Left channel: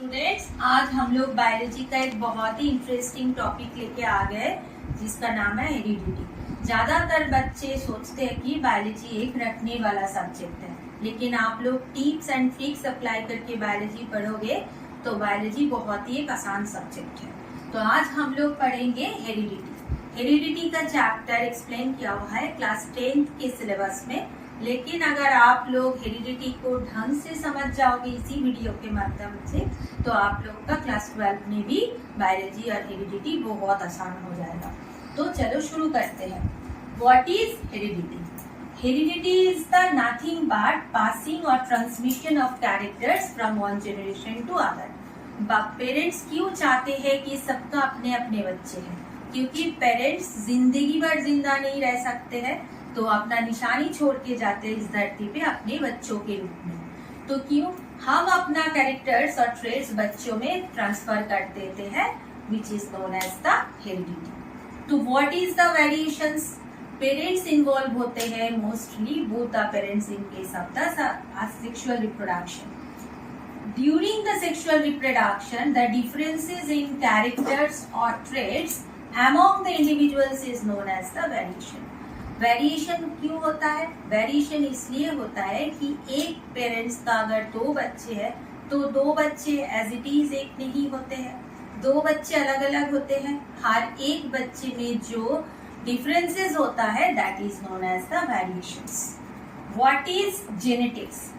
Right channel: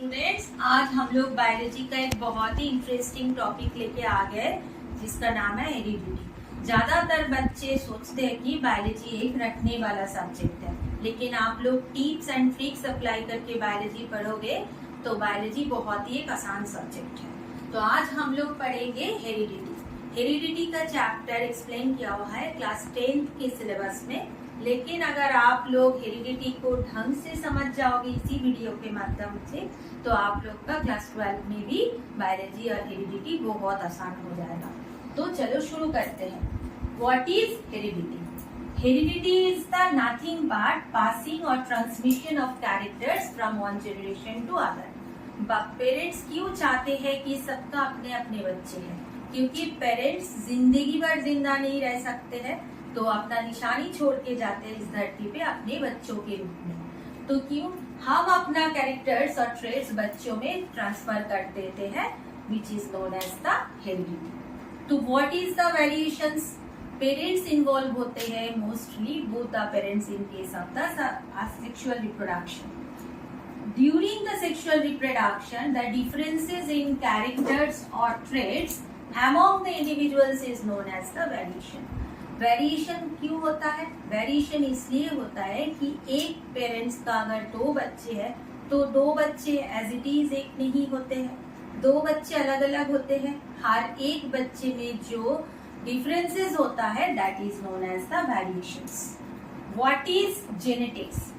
Students, आज हम लोग बायोलॉजी का एक बहुत ही इंटरेस्टिंग टॉपिक लेके आ गए जिसका नाम है हेरिडिटी। ज्यादातर बच्चे सोचते हैं कि बायोलॉजी एक रटने वाला सब्जेक्ट है, लेकिन आप लोग टिप्स एंड ट्रिक्स अप्लाई करके बायोलॉजी पढ़ोगे तो बायोलॉजी बहुत ही एक आसान सब्जेक्ट है। तो आज हम लोग पढ़ेंगे हेरिडिटी। हेरिडिटी का चैप्टर एक्सप्लेन किया हुआ है क्लास 10th के सिलेबस में, लेकिन अगर आप लोग हेरिडिटी को ढंग से समझ जाओगे इसी वीडियो के माध्यम से तो आप लोग का क्लास 12 में भी बायोलॉजी और हेरिडिटी बहुत आसान हो जाएगा। तो चलो शुरू करते हैं। What is heredity? Heredity is the nothing but passing और transmission of characters from one generation to other. Parents क्यों चाहते हैं कि सबका अपने अपने बच्चे हैं? क्योंकि पेरेंट्स जिंदगी भर जिंदा नहीं रह सकते हैं, तो अपना निशानी छोड़ के जाते हैं इस धरती पे अपने बच्चों के रूप में। तो क्यों हम अपना कैरेक्टर्स और ट्रेट्स बच्चों में ट्रांसफर कर देते हैं, which is known as the heredity. तो what is the variations? Parents involve होते हैं mostly, both the parents in case of the sexual reproduction. During the sexual reproduction, the differences in characters or traits among the individuals is known as the variation. Variation क्यों होता है? Variation इसलिए होता है कि एक पेरेंट्स का अगर दो बच्चे हैं तो दो बच्चे एज इट इज एक नहीं होते हैं, दो बच्चे अलग अलग होते हैं। हर एक बच्चे में जो डिफरेंसेस होता है that is known as the variations. What is genetics?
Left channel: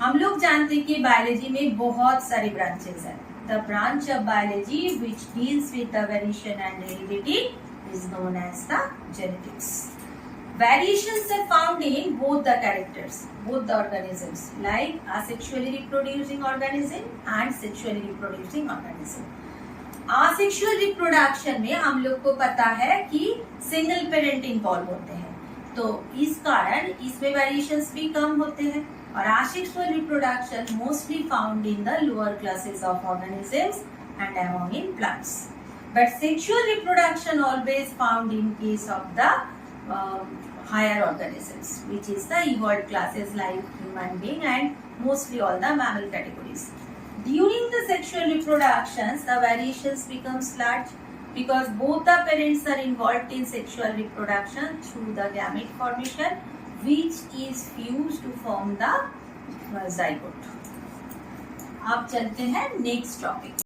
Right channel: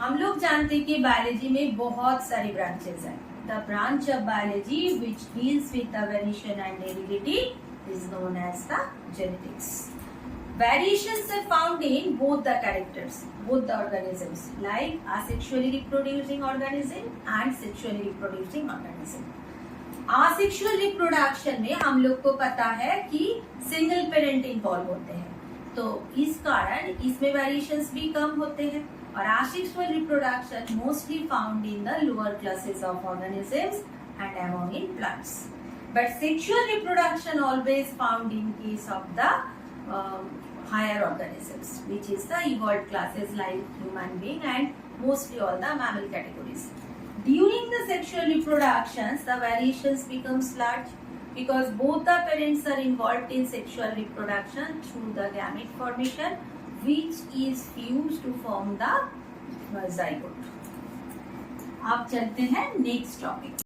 हम लोग जानते हैं कि बायोलॉजी में बहुत सारे ब्रांचेस हैं। The branch of biology which deals with the variation and heredity is known as the genetics. Variations are found in both the characters, both the organisms, like asexually reproducing organism and sexually reproducing organism. Asexual reproduction में हम लोग को पता है कि single parent involve होते हैं, तो इस कारण इसमें वेरिएशंस भी कम होते हैं। और asexual reproduction mostly found in the lower classes of organisms and among in plants. But sexual reproduction always found in case of the higher organisms, which is the evolved classes like human being and mostly all the mammal categories. During the sexual reproductions, the variations becomes large because both the parents are involved in sexual reproduction through the gamete formation, which is fused to form the zygote. अब चलते हैं next topic.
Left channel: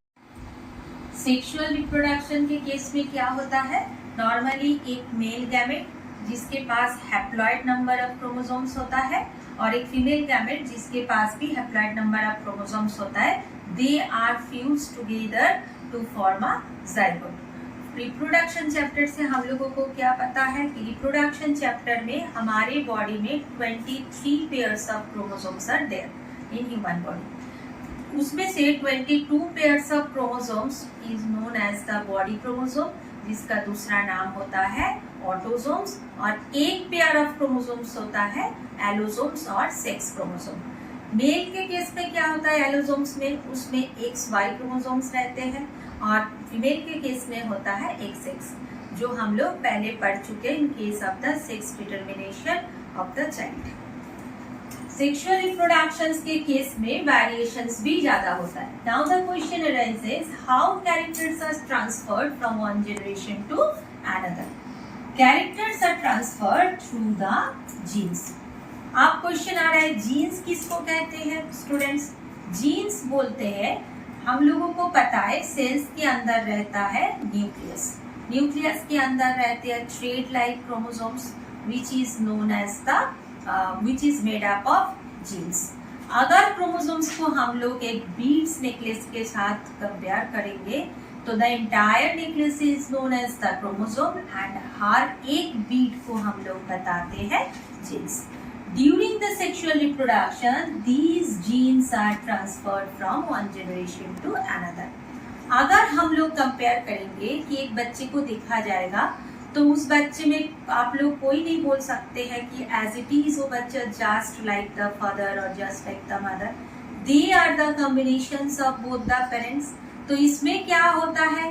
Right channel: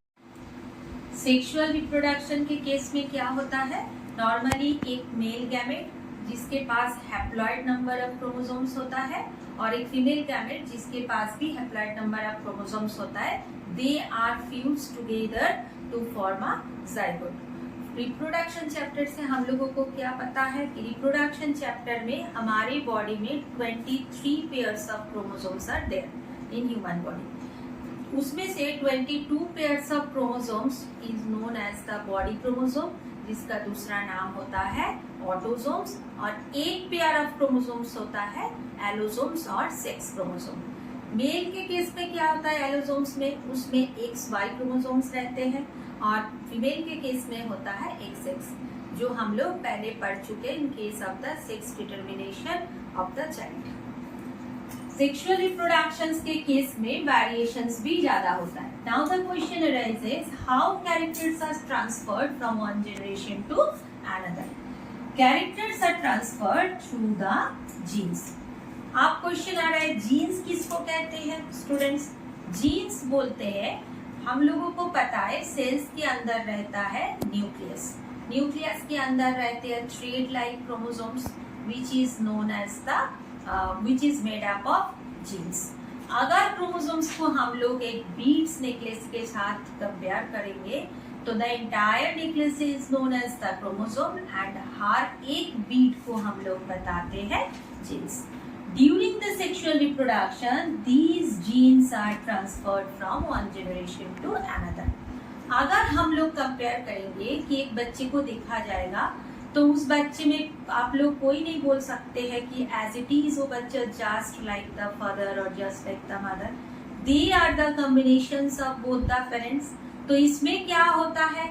Sexual reproduction के case में क्या होता है? Normally एक male gamete जिसके पास हैप्लॉइड नंबर ऑफ क्रोमोसोम्स होता है और एक फीमेल गैमेट जिसके पास भी हैप्लॉइड नंबर ऑफ क्रोमोसोम्स होता है, they are fused together to form a zygote. Reproduction chapter से हम लोगों को क्या पता है कि रिप्रोडक्शन चैप्टर में हमारे बॉडी में 23 pairs of chromosomes are there in human body. उसमें से 22 pairs of chromosomes is known as the body chromosome, जिसका दूसरा नाम होता है ऑटोसोम्स, और एक पेयर ऑफ क्रोमोसोम्स होता है एलोसोम्स और सेक्स क्रोमोसोम। मेल के केस में क्या होता है? एलोसोम्स में उसमें XY क्रोमोसोम्स रहते हैं और फीमेल के केस में होता है XX, जो हम लोग पहले पढ़ चुके in case of the sex determination of the child. Sexual reproductions के केस में वेरिएशंस भी ज्यादा होता है। Now the question arises, how characters are transferred from one generation to another? Characters are transferred through the genes. आप question आ रहा है जीन्स किसको कहते हैं? स्टूडेंट्स, जीन्स बोलते हैं, हम लोगों को पता है सेल्स के अंदर रहता है न्यूक्लियस, न्यूक्लियस के अंदर रहते हैं thread like chromosomes which is known as the which is made up of genes. अगर क्रोमोसोम्स को हम लोग एक बीड्स नेकलेस के साथ कंपेयर करेंगे तो the entire necklace is known as the chromosome and हर एक बीड को हम लोग बताते हैं genes. During the sexual reproduction these genes are transferred from one generation to another. अगर हम लोग कंपेयर करेंगे कि एक बच्चे को देखा जाएगा तो उस बच्चे में आप लोग कोई नहीं बोल सकते हैं कि एज इट इज वो बच्चा जस्ट लाइक द फादर और just like the mother, they are the combinations of both the parents. तो इसमें क्या होता है?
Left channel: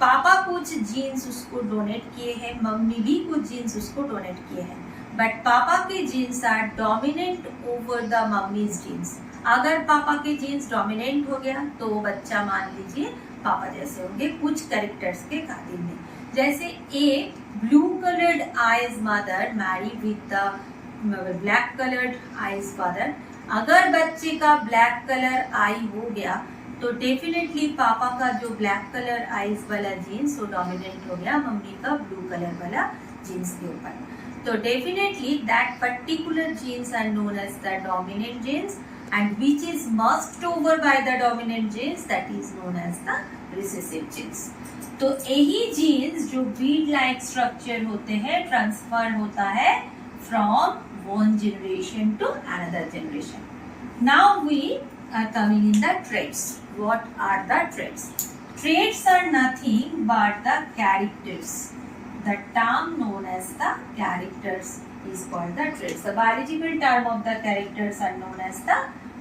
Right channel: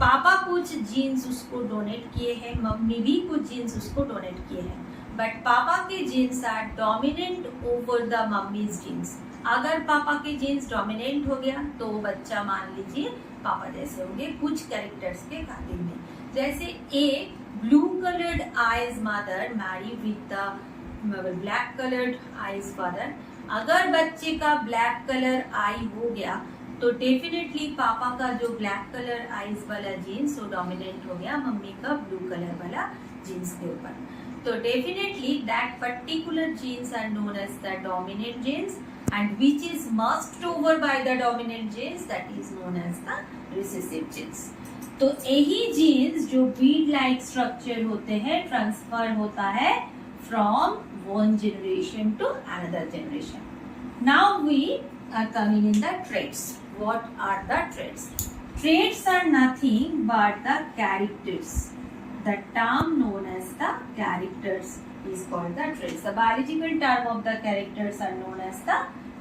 पापा कुछ जीन्स उसको डोनेट किए हैं, मम्मी भी कुछ जीन्स उसको डोनेट किए हैं, बट पापा के genes are dominant over the mummy's genes. अगर पापा के जीन्स डोमिनेंट हो गया तो वो बच्चा मान लीजिए पापा जैसे होंगे कुछ कैरेक्टर्स के खातिर में। जैसे a blue coloured eyes mother marry with the black coloured eyes father. अगर बच्चे का ब्लैक कलर आई हो गया तो डेफिनेटली पापा का जो ब्लैक कलर आईज वाला जीन्स वो डोमिनेंट हो गया मम्मी का ब्लू कलर वाला जीन्स के ऊपर। तो definitely that particular genes are known as the dominant genes and which is merged over by the dominant genes that is known as the recessive genes। तो यही jeans जो Beed like structure होते हैं transfer होता है from one generation to another generation. Now we are coming in the traits. What are the traits? Traits are nothing but the characters. The term known as the characters is called the traits. The biological term of the characters are known as the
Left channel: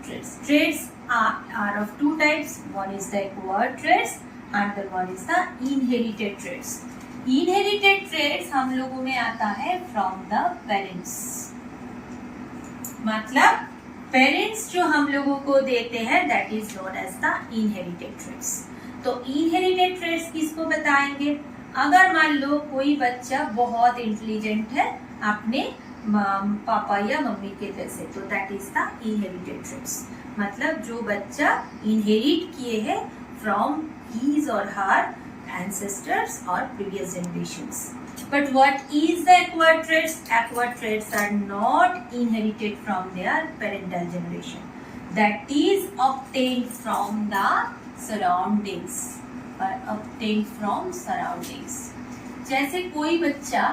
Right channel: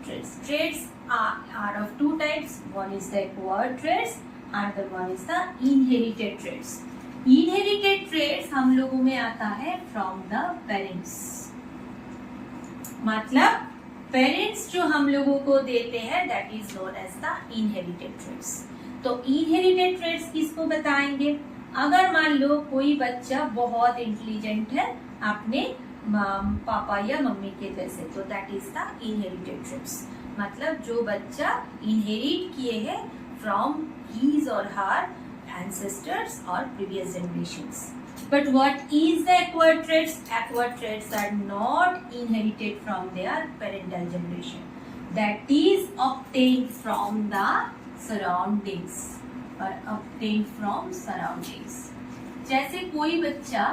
traits. Traits are of two types. One is the acquired traits, and the one is the inherited traits. Inherited traits हम लोगों में आता है from the parents. मतलब parents जो हम लोगों को देते हैं that is known as the inherited traits. तो inherited traits किसको बताएंगे? अगर मान लो कोई बच्चा बहुत इंटेलिजेंट है अपने पापा या मम्मी के जैसे तो that is the inherited traits. मतलब जो बच्चा इनहेरिट किए हैं फ्रॉम हीज और हर एंसेस्टर्स और previous generations. But what is the acquired traits? Acquired traits are not inherited from their parental generation, that is obtained from the surroundings और obtained from surroundings। जैसे कोई बच्चा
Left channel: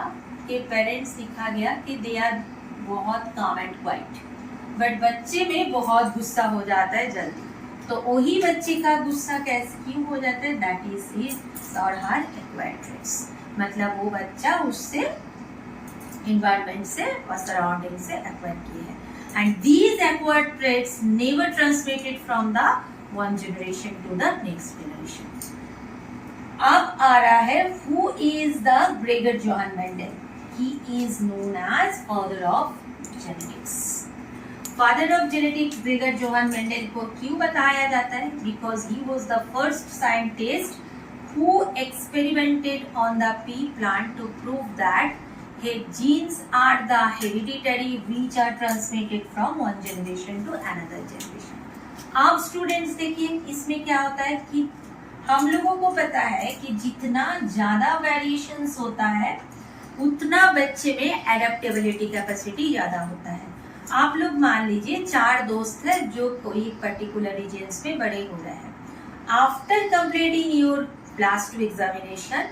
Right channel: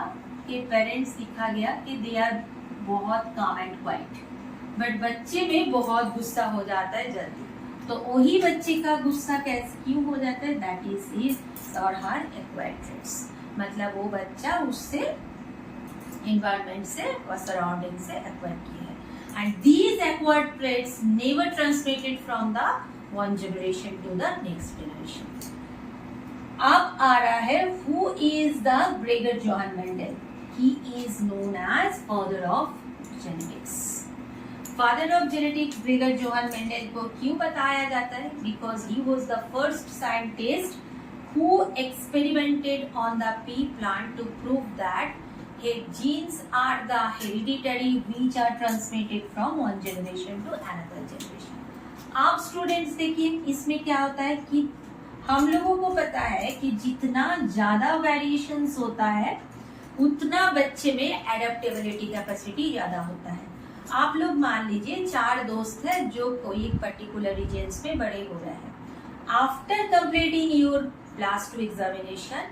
के parents दिखा गया कि दे आर बहुत काम एंड क्वाइट, बट बच्चे में बहुत गुस्सा हो जाता है जल्दी, तो वही बच्चे का गुस्सा कैसे क्यों हो जाता है? दैट इज हिज और हर एक्वायर्ड ट्रेट्स। मतलब वो बच्चा उससे इन्वायरमेंट से और सराउंडिंग से एक्वायर किए हैं। And these acquired traits never transmitted from the one generation to the next generation. अब आ रहा है who is the Gregor Johann Mendel. He is known as father of genetics. Father of genetics Gregor Johann Mendel को क्यों बताया जाता है? Because he was the first scientist who experimented on the pea plant to prove that genes are the hereditary which are transmitted from one generation to another generation। अब students देखिए इसमें क्या होता है कि हम लोगों को पता है कि जितना ज्यादा वेरिएशंस होता है उतना बच्चे में एडेप्टेबिलिटी कैपेसिटी ज्यादा होता है। आप लोग मान लीजिए 4 दोस्त है जो कोई पर्टिकुलर रीजन्स में बड़े हो रहे हैं। After completing your class 2 examination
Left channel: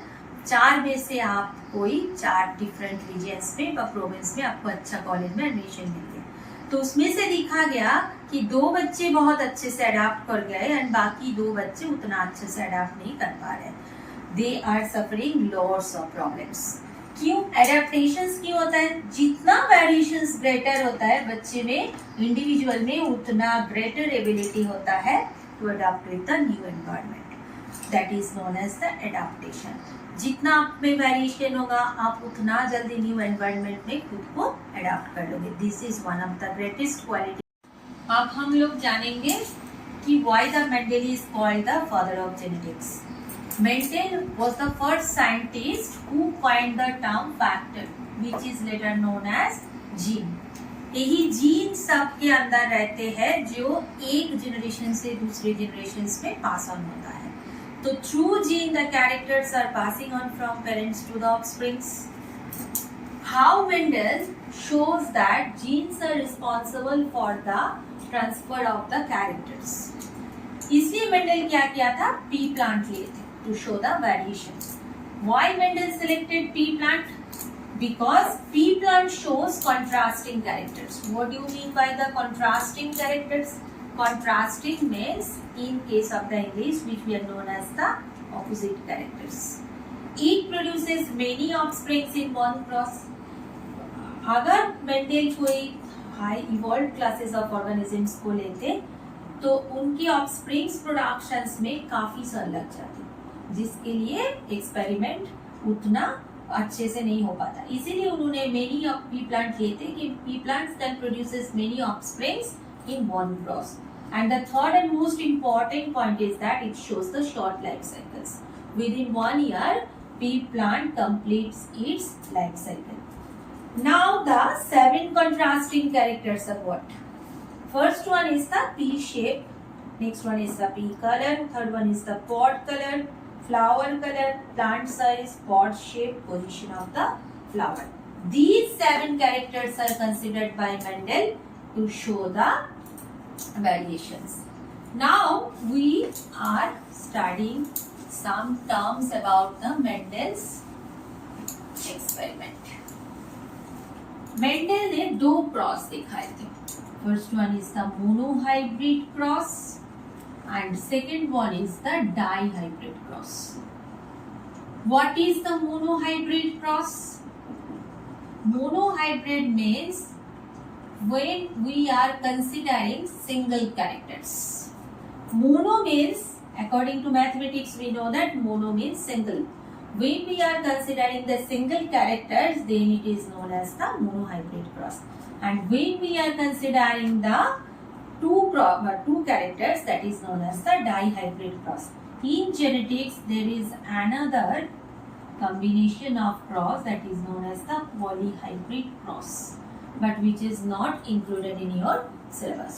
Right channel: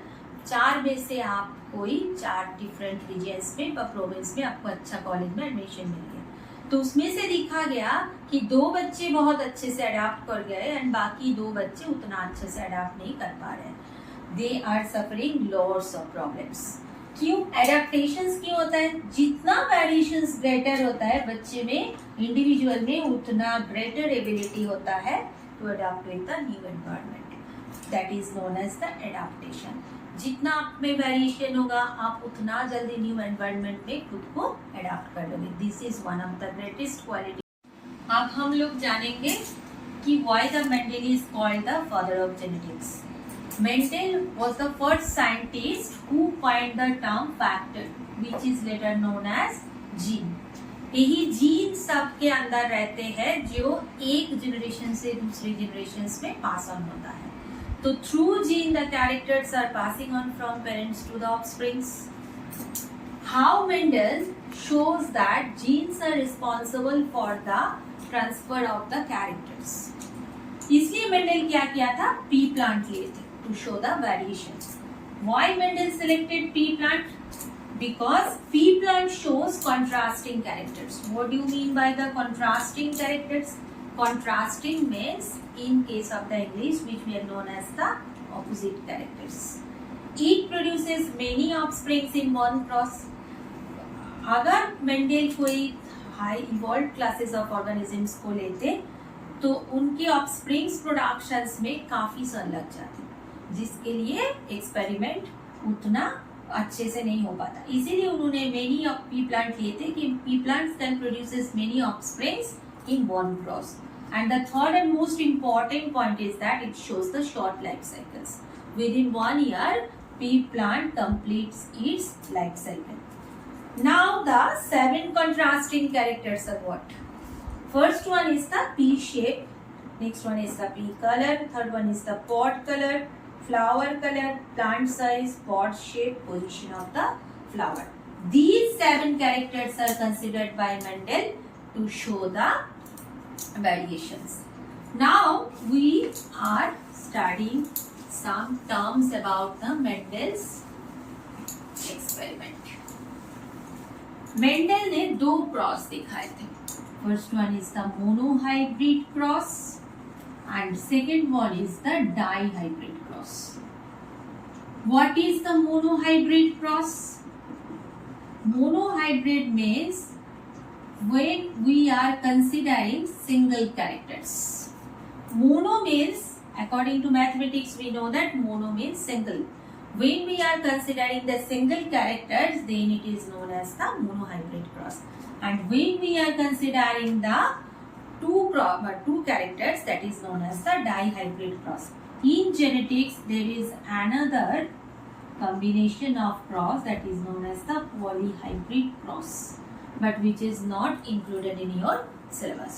4 में से आप कोई 4 डिफरेंट रीजन्स में व प्रोविंस में आपको अच्छा कॉलेज में एडमिशन मिल गया, तो उसमें से देखा गया कि 2 बच्चे बहुत अच्छे से अडाप्ट कर गए एंड बाकी 2 बच्चे उतना अच्छे से अडाप्ट नहीं कर पा रहे। They are suffering lots of problems. क्यों? एडेप्टेशंस क्यों होता है? जितना वेरिएशंस ग्रेटर होता है बच्चे में इंडिविजुअल में उतना ग्रेटर एबिलिटी होता है to adapt with the new environment, that is known as the adaptation. जितना आप में वेरिएशन होगा आप उतना जल्दी न्यू एनवायरनमेंट में खुद को अडॉप्ट कर लोगे। This is one of the greatest quality. अब हम लोग जानेंगे कि why the Mendel is called the father of genetics. Mendel was the first scientist who coined the term factor which is later known as gene. यही gene सबके अंदर रहते हैं जो एक जनरेशन से दूसरे जनरेशन में पास ऑन होता है। So through gene the characters are passing on from parents to the offsprings। How Mendel shows that genes are responsible for the transfer of the characters। इसलिए मेंडल क्या किया था? P plant लिए थे to show the variations। Why Mendel selected pea plant? Because pea plant shows contrasting characters। What do you mean by the contrasting characters? Contrasting means in case of the English which we are known as the opposite characters। It produces many offsprings in one cross। अगर Mendel कोई high evolve classes of organisms को लेते तो उनके offsprings productions में काफी साल लग जाते, जिसके लिए एक्सपेरिमेंट उतना अच्छे से नहीं हो पाता। इसीलिए उन्होंने मेनी ऑफ पी प्लांट लिए थे कि P plants can produces many offsprings in one cross। And the third and most important point is that it shows the short life cycles. Within 1 year, pea plant completes its life cycle. Now the 7 contrasting characters are what? First one is the pea shape, next one is the pea color, third one is the pod color, flower color, plant size, pod shape, position of the flower. These 7 characters are considered by Mendel to show the variations. Now we are studying some terms about the Mendel's experiment. Mendel ने 2 cross दिखाए थे. First one is the monohybrid cross and second one is the dihybrid cross. What is the monohybrid cross? Monohybrid means when we are considering single characters. Mono means, according to mathematics, we know that mono means single. When we are considering the single characters, then it is known as the monohybrid cross. And when we are considering the two characters, that is known as the dihybrid cross. In genetics, there is another combination of cross that is known as the polyhybrid cross, but which is not included in your syllabus.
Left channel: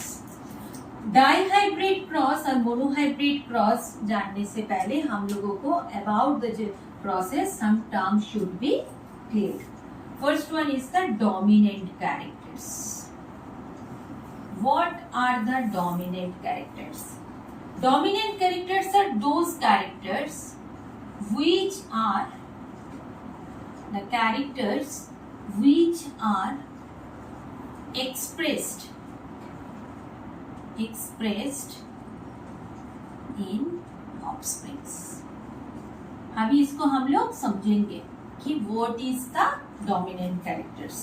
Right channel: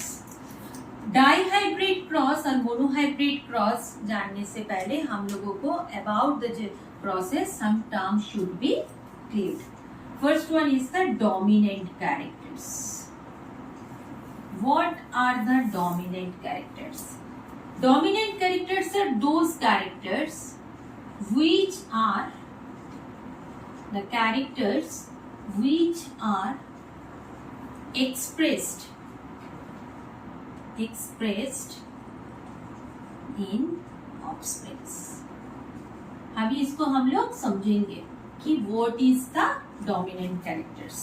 Dihybrid cross और monohybrid cross जानने से पहले हम लोगों को about the process some terms should be cleared. First one is the dominant characters. What are the dominant characters? Dominant characters are those characters which are the characters which are expressed in offsprings. अभी इसको हम लोग समझेंगे कि what is the dominant characters.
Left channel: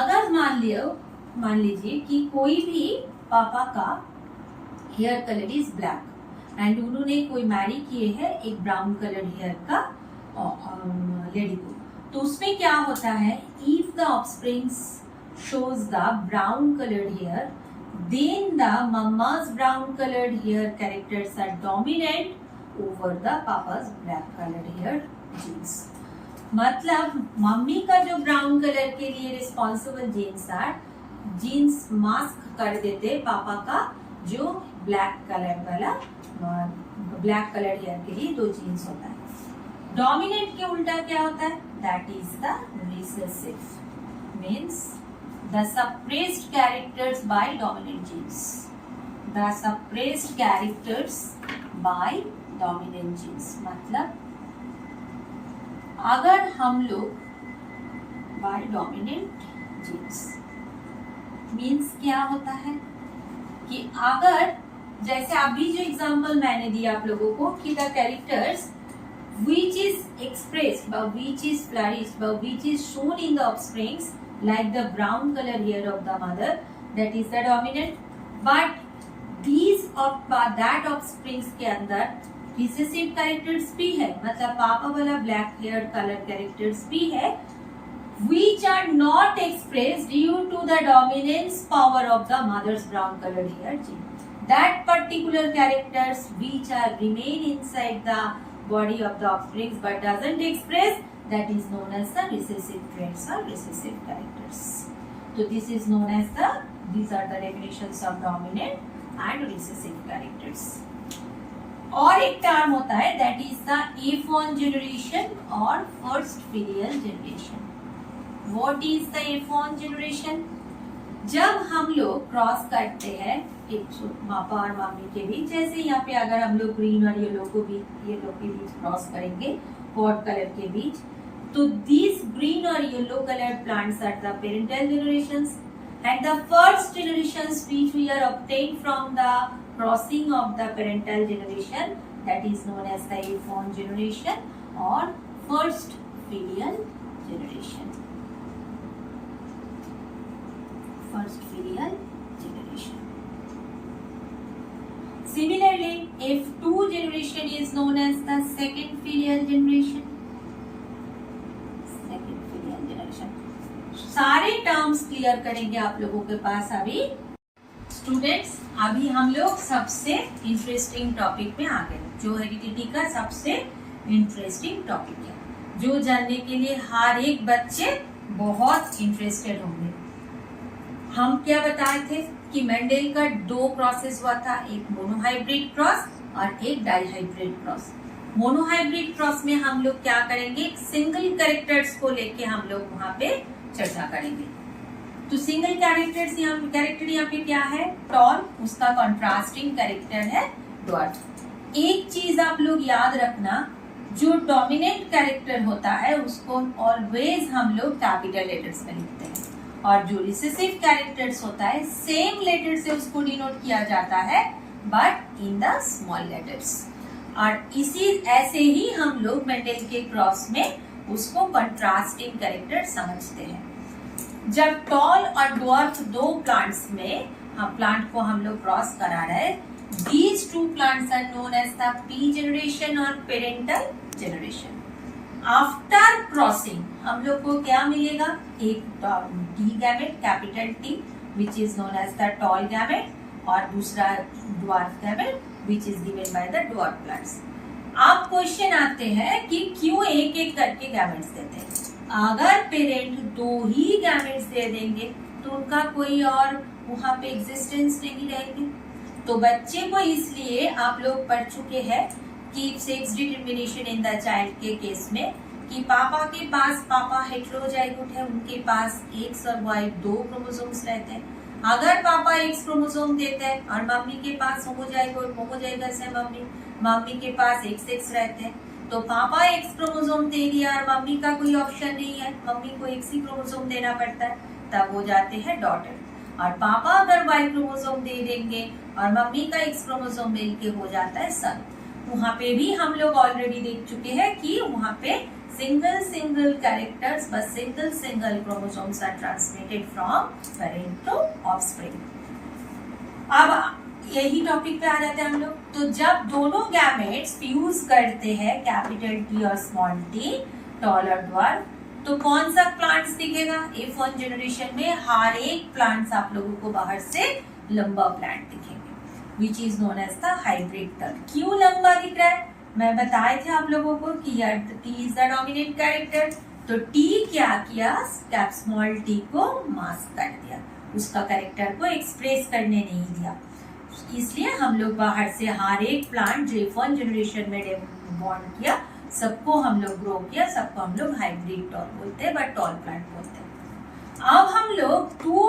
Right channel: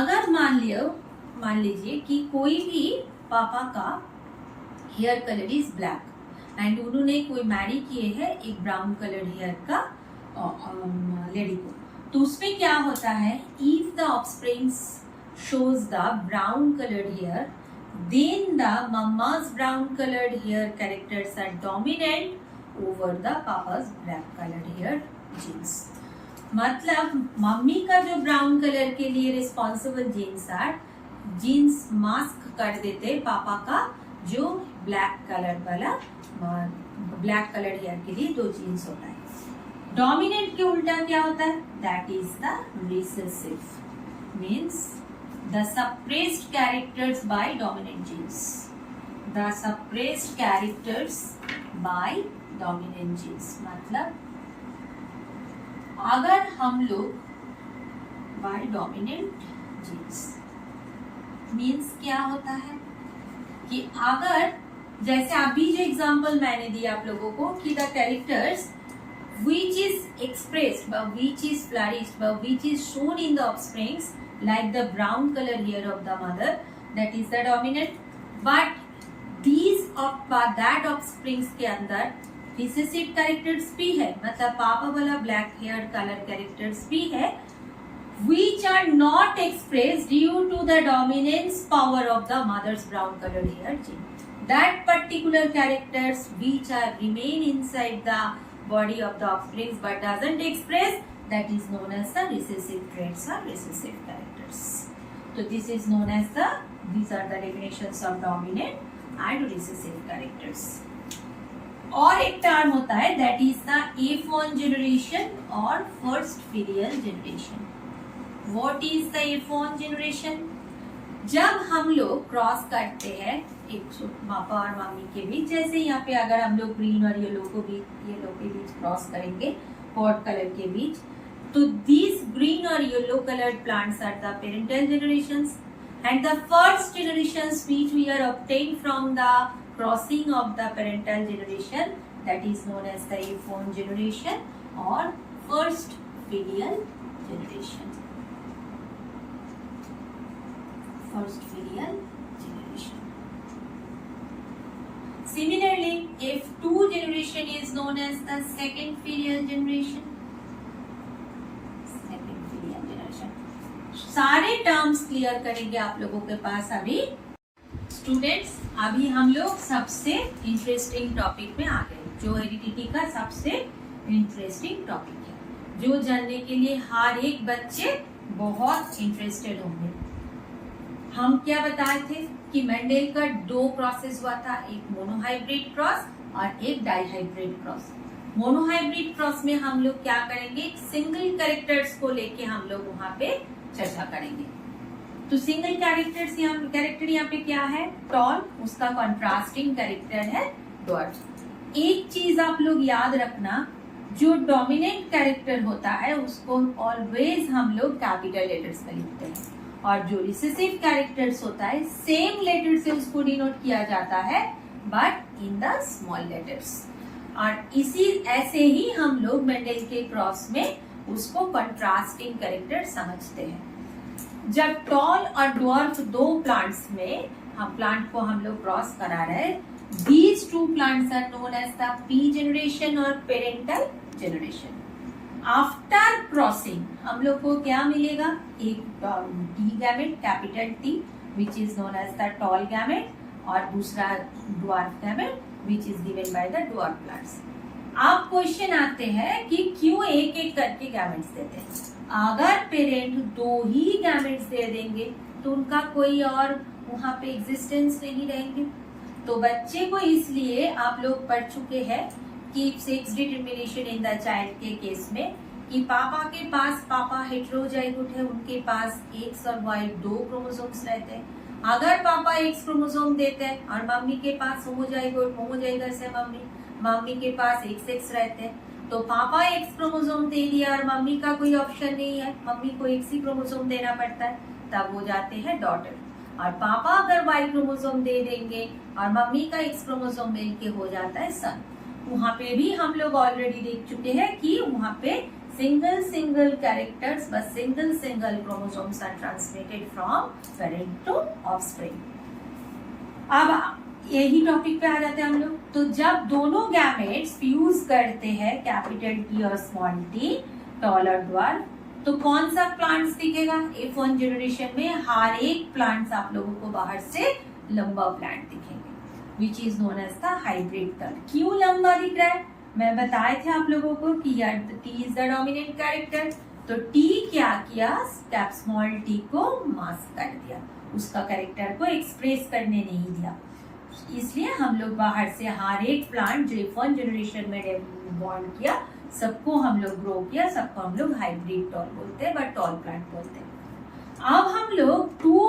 अगर मान लीजिए कि कोई भी पापा का hair colour is black and उन्होंने कोई मैरी किए है एक ब्राउन कलर हेयर का लेडी को, तो उसमें क्या होता है, if the offsprings shows the brown colored hair, then the mama's brown colored hair characters are dominant over the papa's black colored hair genes. मतलब मम्मी का जो ब्राउन कलर के लिए रिस्पॉन्सिबल जीन्स मास्क कर देते पापा का जो ब्लैक कलर हेयर के लिए 2 जीन्स होता है. डोमिनेंट के उल्टा क्या होता है, that is the recessive, means the suppressed characters by dominant genes. The suppressed characters by dominant genes. मतलब अगर हम लोग by dominant genes means क्या होता है कि अगर जैसे अभी जो एग्जाम्पल मैंने दिया आप लोगों को कि the characters which is expressed which is flourished which is shown in the offsprings like the brown color hair of the mother, that is the dominant. But these of that offsprings के अंदर recessive characters भी है, मतलब पापा वाला black hair color characters भी है, which are not expressed due to the dominance power of the mother's brown colored hair gene. That particular characters which are remain inside the body of the offsprings but doesn't express, that is known as the recessive traits or recessive characters. So this is known as these are the definitions of dominant and recessive characters. और एक term होता है that is the F1 generation और first filial generation. What is the F1 generation? जब हम लोग cross करते हैं एक पापा और मम्मी के बीच, जैसे यहाँ पे अगर हम लोग ग्रीन और येलो के बीच क्रॉस करेंगे पॉट कलर के बीच, तो these green or yellow colored plants are the parental generations, and the first generations which we are obtained from the crossing of the parental generation, that is known as the F1 generation or first filial generation. First filial generation. Similarly, F2 generation is known as the second filial generation. सारे terms clear करेंगे आप लोगों के पास. अभी students अभी हम लोग सबसे इंटरेस्टिंग टॉपिक में आ गए, जो हेरिडिटी का सबसे इंटरेस्टिंग टॉपिक है, जो जानने के लिए हर एक बच्चे बहुत इंटरेस्टेड होंगे। हम क्या बताए थे कि मेंडेल का 2 प्रोसेस हुआ था, एक मोनोहाइब्रिड क्रॉस और एक डाइहाइब्रिड क्रॉस। मोनोहाइब्रिड क्रॉस में हम लोग क्या करेंगे, सिंगल कैरेक्टर्स को लेके हम लोग वहां पे चर्चा करेंगे। तो सिंगल कैरेक्टर यहाँ पे क्या है, टॉल, उसका कॉन्ट्रास्टिंग कैरेक्टर है ड्वार्फ। एक चीज आप लोग याद रखना, जो डोमिनेंट कैरेक्टर होता है उसको ऑलवेज हम लोग कैपिटल लेटर्स में लिखते हैं, और जो रिसेसिव कैरेक्टर्स होता है सेम लेटर से उसको डिनोट किया जाता है but in the small letters. और इसी ऐसे ही हम लोग मेंडेल के क्रॉस में उसको कंट्रास्टिंग कैरेक्टर समझते हैं। जब टॉल और ड्वार्फ 2 प्लांट्स में प्लांट को हम लोग क्रॉस करा रहे हैं, these 2 plants are known as the P generation और parental generation. After crossing हम लोग को क्या मिलेगा, एक T gamete capital T which is known as the tall gamete, और दूसरा dwarf gamete which is given by the dwarf plants. अब क्वेश्चन आते हैं कि क्यों एक एक करके गैमेट्स देते हैं। अगर पेरेंट 2 ही गैमेट्स दे देंगे तो उनका कोई और वहां पे एग्जिस्टेंस नहीं रहेंगे। तो बच्चे को इसलिए आप लोग पढ़ चुके हैं कि sex determination in the child के केस में कि पापा के पास पापा हेटेरोजाइगोट है, उनके पास X और Y 2 क्रोमोसोम्स रहते हैं। अगर पापा X क्रोमोसोम देते हैं और मम्मी के पास होमोजाइगस है, मम्मी के पास XX रहते हैं, तो पापा X क्रोमोसोम दे दिया और मम्मी का कोई ऑप्शन नहीं है, मम्मी को X ही क्रोमोसोम देना पड़ता है, तब हो जाते हैं डॉटर। और पापा अगर Y क्रोमोसोम दे देंगे और मम्मी का X क्रोमोसोम मिल के हो जाता है सन। वहां पे भी हम लोग ऑलरेडी देख चुके हैं कि वहां पे सिंगल कैरेक्टर्स, बस single chromosomes are transmitted from parent to offspring. अब यही टॉपिक पे आ जाते हैं हम लोग। तो जब दोनों गैमेट्स फ्यूज करते हैं, कैपिटल T और स्मॉल t, टॉल और ड्वार्फ, तो कौन सा प्लांट्स दिखेगा, F1 जनरेशन में हर एक प्लांट्स आप लोगों को बाहर से लंबा प्लांट दिखेंगे, which is known as the hybrid term. क्यों लंबा दिख रहा है, मैं बताए थे आप लोगों को कि यार T is the dominant character, तो T क्या किया, कैप स्मॉल t को मास्क कर दिया, उसका कैरेक्टर को एक्सप्रेस करने नहीं दिया। इसलिए हम लोग बाहर से हर एक प्लांट जो F1 जनरेशन में बॉर्न किया, सबको हम लोग ग्रो किया, सबको हम लोग हाइब्रिड टॉल बोलते हैं, बट टॉल प्लांट बोलते हैं। अब हम लोग 2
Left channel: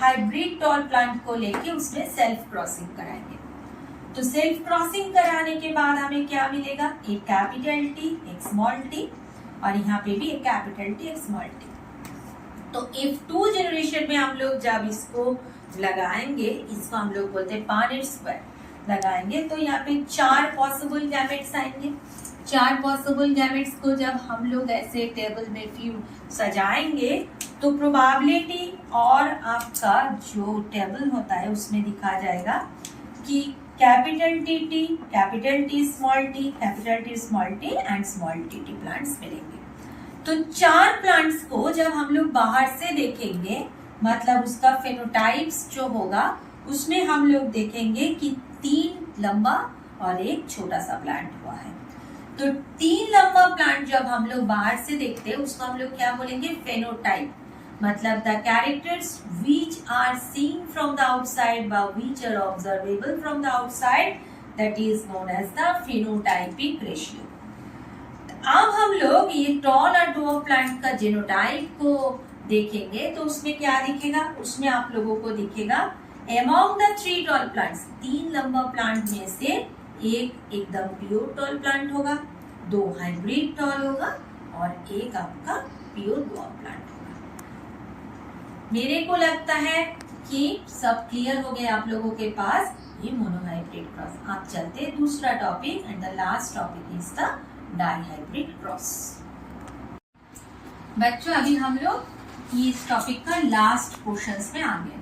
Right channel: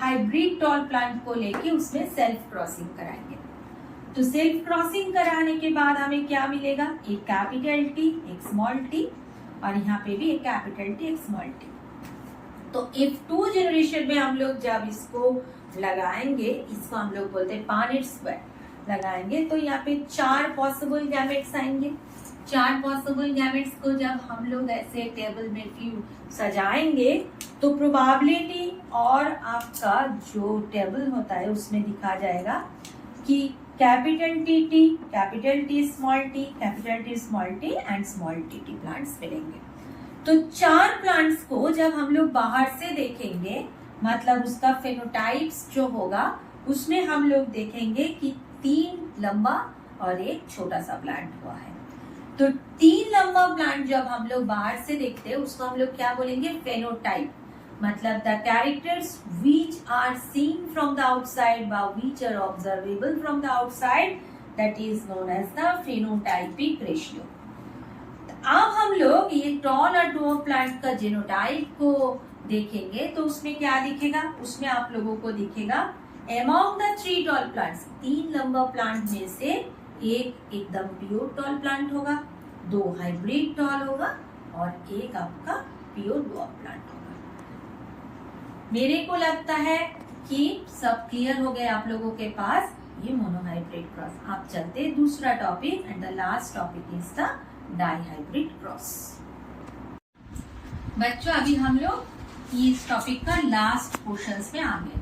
हाइब्रिड टॉल प्लांट को लेके उसमें सेल्फ क्रॉसिंग कराएंगे। तो सेल्फ क्रॉसिंग कराने के बाद हमें क्या मिलेगा, एक कैपिटल T, एक स्मॉल t, और यहाँ पे भी एक कैपिटल T, एक स्मॉल t। तो F2 जनरेशन में हम लोग जब इसको लगाएंगे, इसको हम लोग बोलते हैं पानेट स्क्वायर लगाएंगे, तो यहाँ पे 4 पॉसिबल गैमेट्स आएंगे। 4 पॉसिबल गैमेट्स को जब हम लोग ऐसे टेबल में सजाएंगे तो प्रोबेबिलिटी और आपका जो टेबल होता है उसमें दिखा जाएगा कि capital T, capital T small t, capital T small t and small t plants मिलेंगे। तो 4 प्लांट्स को जब हम लोग बाहर से देखेंगे, मतलब उसका फेनोटाइप्स जो होगा उसमें हम लोग देखेंगे कि 3 लंबा और एक छोटा सा प्लांट हुआ है। तो 3 लंबा प्लांट जब हम लोग बाहर से देखते हैं उसको हम लोग क्या बोलेंगे, फेनोटाइप, मतलब the characters which are seen from the outside व which are observable from the outside, that is known as the phenotypic ratio. अब हम लोग ये टॉल और ड्वार्फ प्लांट का जीनोटाइप को देखेंगे तो उसमें क्या दिखेगा, उसमें आप लोगों को दिखेगा अमॉन्ग द 3 टॉल प्लांट्स, 3 लंबा प्लांट में से एक एकदम प्योर टॉल प्लांट होगा, 2 हाइब्रिड टॉल होगा और एक आपका प्योर ड्वार्फ प्लांट होगा। मेरे को लगता है कि सब क्लियर हो गए आप लोगों के पास ये मोनोहाइब्रिड क्रॉस। आप चलते हैं दूसरा topic, and the last topic is the dihybrid cross. बच्चों अभी हम लोग इस टॉपिक का लास्ट पोर्शंस में आ गए।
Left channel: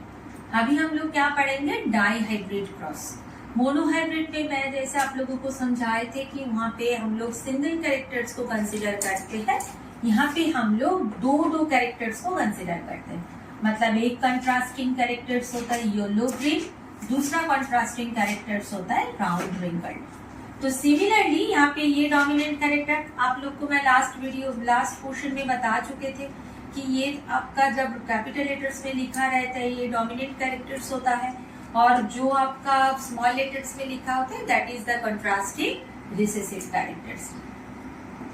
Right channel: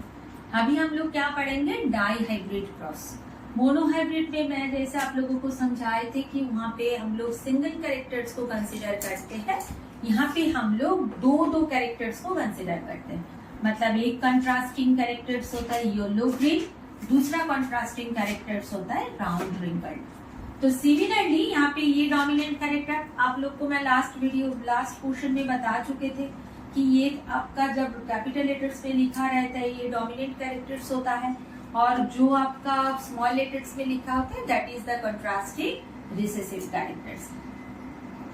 अभी हम लोग क्या पढ़ेंगे, डाइहाइब्रिड क्रॉस। मोनोहाइब्रिड में मैं जैसे आप लोगों को समझाए थे कि वहाँ पे हम लोग सिंगल कैरेक्टर्स को कंसिडर करते हैं, यहाँ पे हम लोग 2 कैरेक्टर्स को कंसिडर करते हैं। मतलब एक कंट्रास्टिंग कैरेक्टर्स होता है येलो ग्रीन दूसरा कंट्रास्टिंग कैरेक्टर्स होता है राउंड रिंकल्ड। तो सिमिलरली यहाँ पे ये डोमिनेंट कैरेक्टर आप लोग को मैं लास्ट पोर्शन में बता चुके थे कि ये आपका जब कैपिटल लेटर्स में लिखा रहता है ये डोमिनेंट कैरेक्टर्स होता है, और जो आपका स्मॉल लेटर्स में लिखा होता है that is the contrasting recessive characters.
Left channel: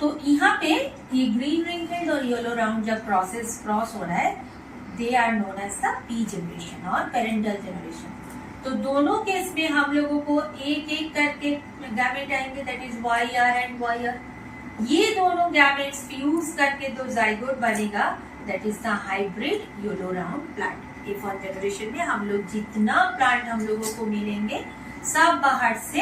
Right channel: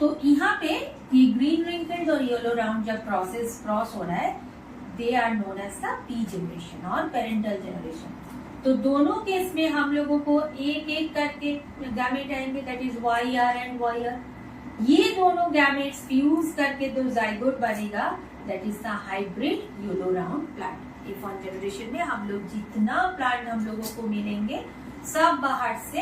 तो यहाँ पे ये ग्रीन रिंकल्ड और येलो राउंड जब क्रॉस हो रहा है they are known as the P generation और पेरेंटल जनरेशन। तो दोनों केस में हम लोगों को एक एक करके गैमेट आएंगे that is YR and YR। ये दोनों गैमेट्स फ्यूज करके दो जाइगोट बनेगा that is the hybrid yellow round plant. F1 generation में हम लोग जितना प्लांट हम लोगों को मिलेंगे सब बाहर से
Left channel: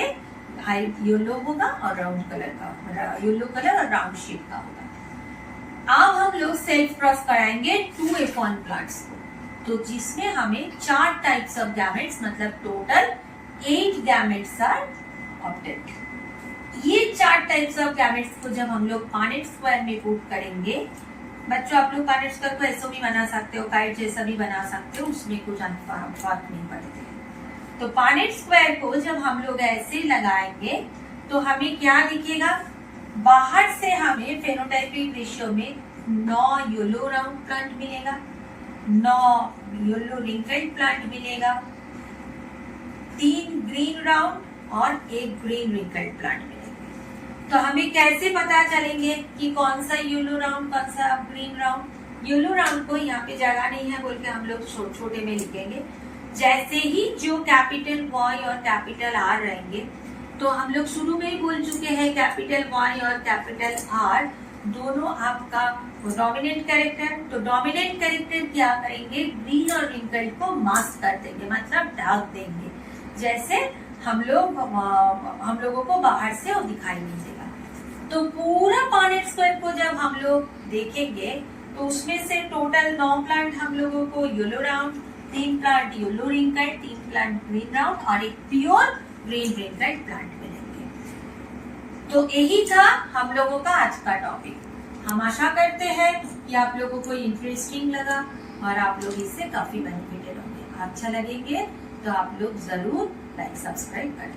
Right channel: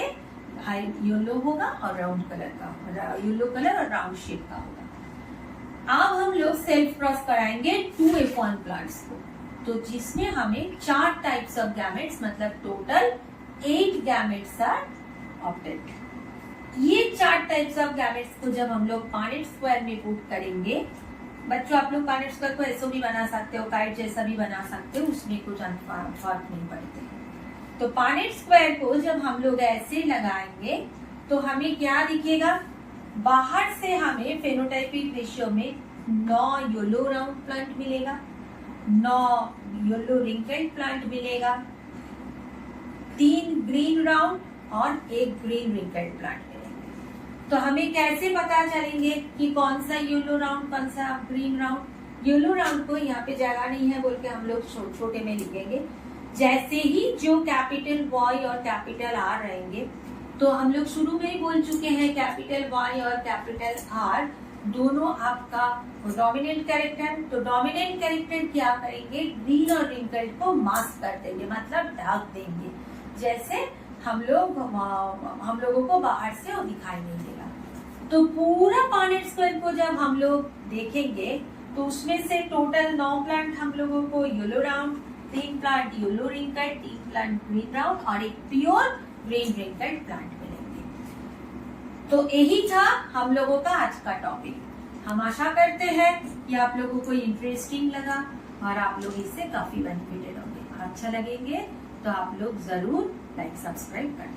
येलो होगा और राउंड कलर का, येलो कलर और राउंड शेप का होगा। अब हम लोग सेल्फ क्रॉस कराएंगे 2 F1 प्लांट्स को, तो जिसमें हमें 4 टाइप्स ऑफ गैमेट्स मतलब टोटल 8 गैमेट्स आर ऑब्टेन्ड। ये 4 टाइप्स ऑफ गैमेट्स को जब हम लोग पानेट स्क्वायर में पुट करेंगे, बच्चों आप लोग पानेट स्क्वायर को ऐसे भी बना सकते हो, काइट जैसा भी बना सकते हो, उसमें कुछ फर्क नहीं पड़ते। तो पानेट स्क्वायर को जब हम लोग ऐसे लगाएंगे तो हमें क्या दिखेगा, बाहर से हमें फेनोटाइपिक रेशियो में 9 येलो राउंड प्लांट मिलेगा, 9 येलो रिंकल्ड प्लांट मिलेगा, 3 ग्रीन राउंड और 1 ग्रीन रिंकल्ड प्लांट मिलेगा। तो हमें कैसे पता चलेंगे कि कौन सा येलो राउंड कौन सा ग्रीन राउंड। येलो राउंड को यहाँ पे जगह नहीं है बोल के हम लोग छोटे में लिखेंगे। जैसे ही जो कैपिटल Y और कैपिटल R रहेंगे, तो हम लोग शुरू में ही बोल चुके हैं कैपिटल Y और कैपिटल R दोनों आपका डोमिनेंट कैरेक्टर। तो डोमिनेंट कैरेक्टर क्या करेंगे, ग्रीन और रिंकल्ड को मास्क कर देंगे मतलब ढक देंगे, जैसे हम लोगों को बाहर से वो दिखाई नहीं देगा। तो पूरा पानेट स्क्वायर को जब हम लोग देखेंगे तो उसमें से टोटल 9 प्लांट हम लोगों को yellow round, 3 plant yellow wrinkled, 3 plant green round और एक प्योर ग्रीन रिंकल्ड प्लांट मिलेंगे। तो यही था हम लोगों का आज का टॉपिक। हम आशा करते हैं कि आप लोगों को इंटरेस्टिंग लगा और आप लोग इससे काफी बेनिफिटेड होंगे। अच्छा लगेंगे तो आप लोग जरूर लाइक सब्सक्राइब करें।